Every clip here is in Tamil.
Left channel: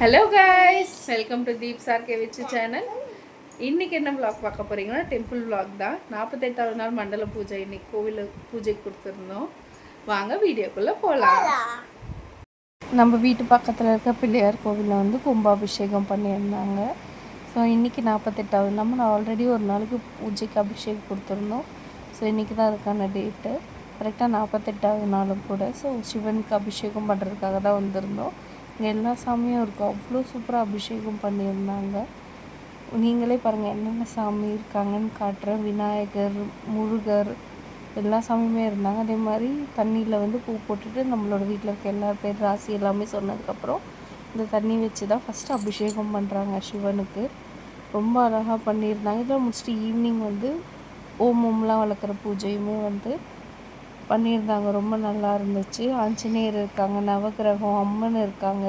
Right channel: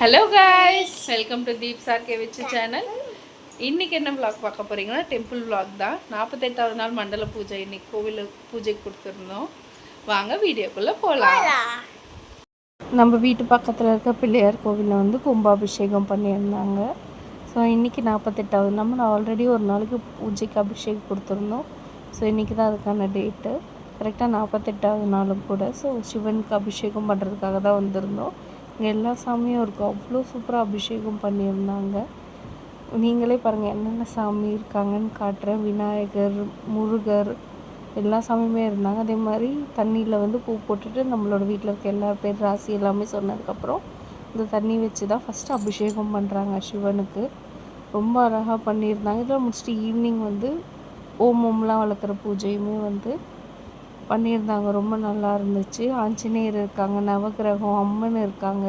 Hello guys, welcome to Deep sir கேவிச்சு சேனல். இன்றைக்கி என்ன விளாக் பார்க்க போகிறீங்கன்னா டெம்பிள் விளாக் தான். 48வது நாள் மண்டல பூஜை இன்றைக்கி கோவிலில் பூஜைக்கு கொடுத்துருந்தோம். வாங்க வீடியோக்குள்ளே போகலாம். நம்ம வீட்டு பக்கத்தில் இருக்க பிள்ளையார் கோவிலில் வந்து கும்பாபிஷேகம் பண்ணியிருந்தாங்க. ஸோ இன்றைக்கி 48வது நம்ம ஆல்ரெடி ஒரு நாளைக்கு பூஜைக்கு அபிஷேகம் கொடுத்துருந்தோம். ஸோ இன்றைக்கி தான் அதுக்கான டேட்டு. கரெக்டாக 48வது நாளும் கூட. ஸோ சிவனுக்கு அபிஷேகம் பண்ணுறதுக்காக தான் வந்திருந்தோம். இங்கே எல்லா சாமியும் இருக்கும். அவ்வளோ சூப்பராக அபிஷேகம் பண்ணியிருந்தாங்க. நீங்களே பாருங்கள் என்னென்ன சாமி இருக்காங்கன்னு காட்டுறேன். விநாயகர், முருகர் எல்லா சாமியுமே இருந்தாங்க. அதே மாதிரி தண்ணியில் வந்து பூ போட்டுட்டு நம்மளோட வீட்டில் இருக்க எல்லா பேர் ராசி எல்லாமே சொன்னதுக்கப்புறம் இந்த தண்ணி வச்சு தான் ஃபஸ்ட்டு அபிஷேகம் பண்ணுறாங்க சிவனுக்கு. ரொம்ப அழகாக பண்ணியிருந்தாங்க. இதில் முடிச்சுட்டு ஈவினிங் வந்து ஓமம்லாம் வளர்க்குற பூஜையுமே வந்து பண்ணியிருந்தாங்க. ரொம்ப நல்லா இருந்துச்சு. ஆஞ்சநேயர் இருக்காங்க, நவகிரகம், அம்மன் இருக்காங்க,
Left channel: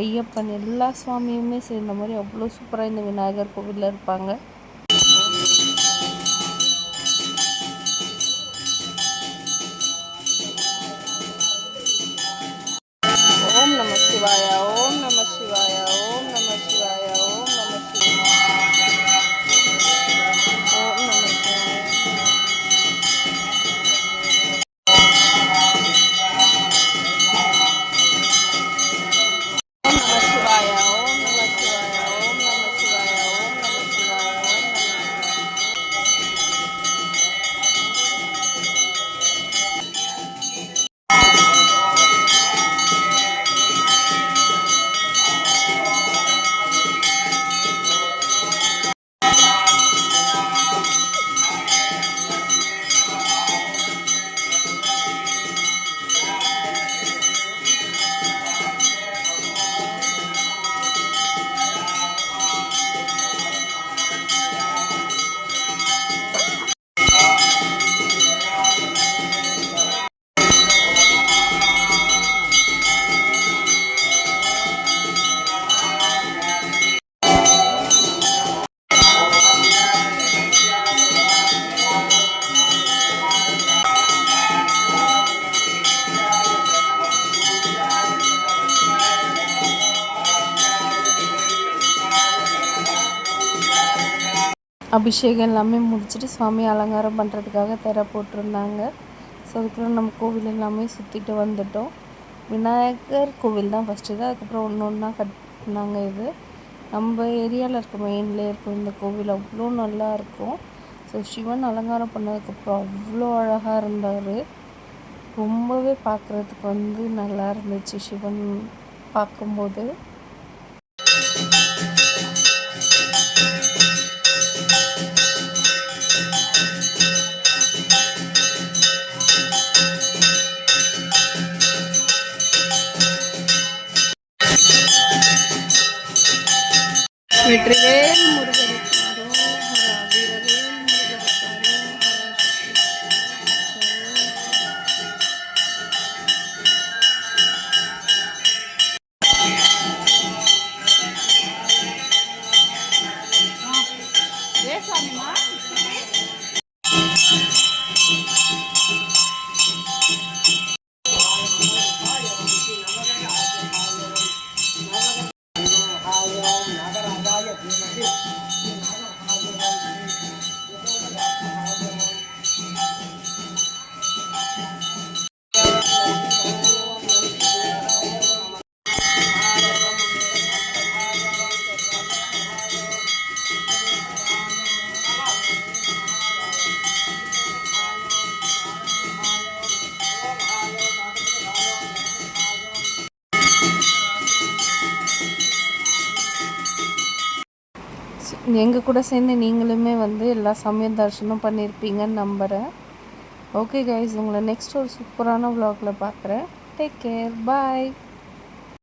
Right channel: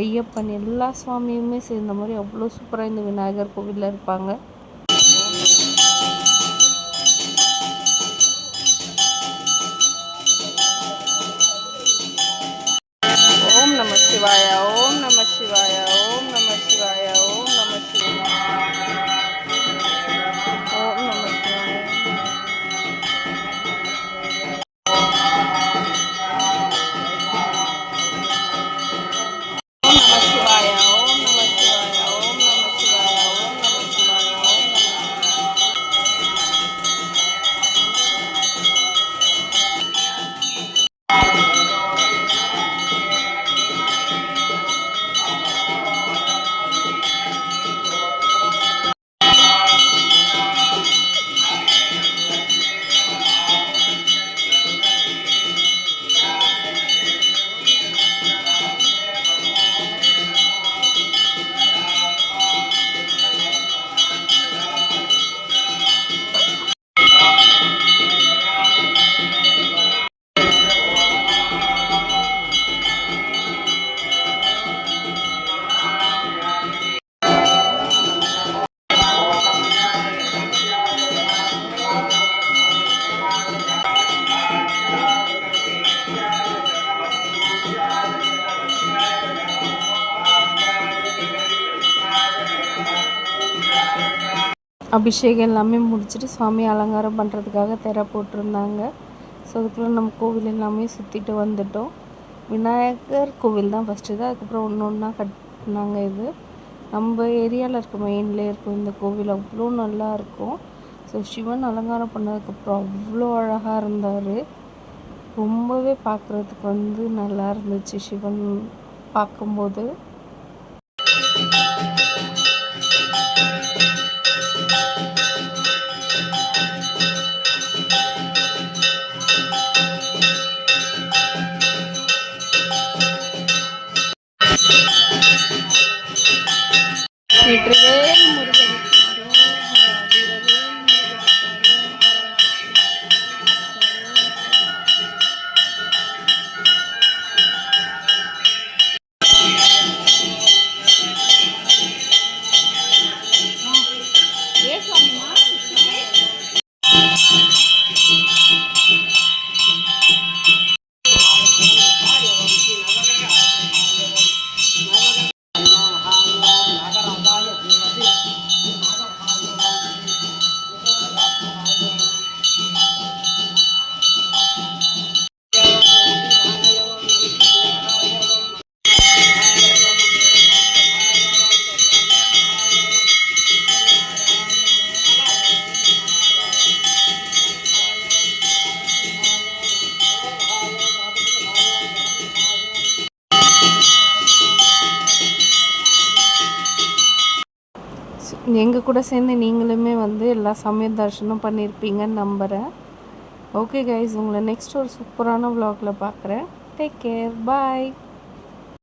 ஐயப்பன் எல்லா சுவாமியுமே சேர்ந்த மாதிரி அவ்வளோ சூப்பராக இந்த விநாயகர் கோவிலில் இருப்பாங்க. ஓம் நம சிவாய, ஓம் நம சிவாய, ஓம் நம சிவாய, ஓம் நம சிவாய, ஓம் நம சிவாய. அபிஷேகம் எல்லாமே முடிச்சுட்டு சுவாமி அலங்காரம் பண்ணுறதுக்காக திரை போட்டிருந்தாங்க. ஸோ அதுக்குள்ளே நம்ம கோவில் எல்லாமே சுற்றிட்டு வந்துட்டோம். விநாயகர் கோவில் தான் ஃபஸ்ட்டு தான், அதுக்கப்புறம் ஒன்று ஒன்றா கட்டினாங்க. இது நம்ம ஏரியாவில் இருக்க மெயின்லேயே இருக்கும் இந்த கோவில். அவ்வளோ நல்லா இருக்கும். ஸோ சிவன் அலங்காரம் பண்ணதுக்கப்புறம் அவ்வளோ அழகாக இருந்தார். ரொம்பவே பார்க்குறதுக்கு வந்து நல்லா இருந்துச்சு சிவன் பார்க்கும்போது. வெற்றிவேல் முருகனுக்கு எங்கள் கூட சேர்ந்து நீங்களுமே வந்து எல்லா சமயம் தரிசனம் பண்ணியிருப்பீங்கன்னு நம்புகிறேன். ஓகே கைஸ், உங்களை நெக்ஸ்ட் ஒரு சூப்பரான விலாகில் பார்க்குறேன். டேக் கேர், பாய்.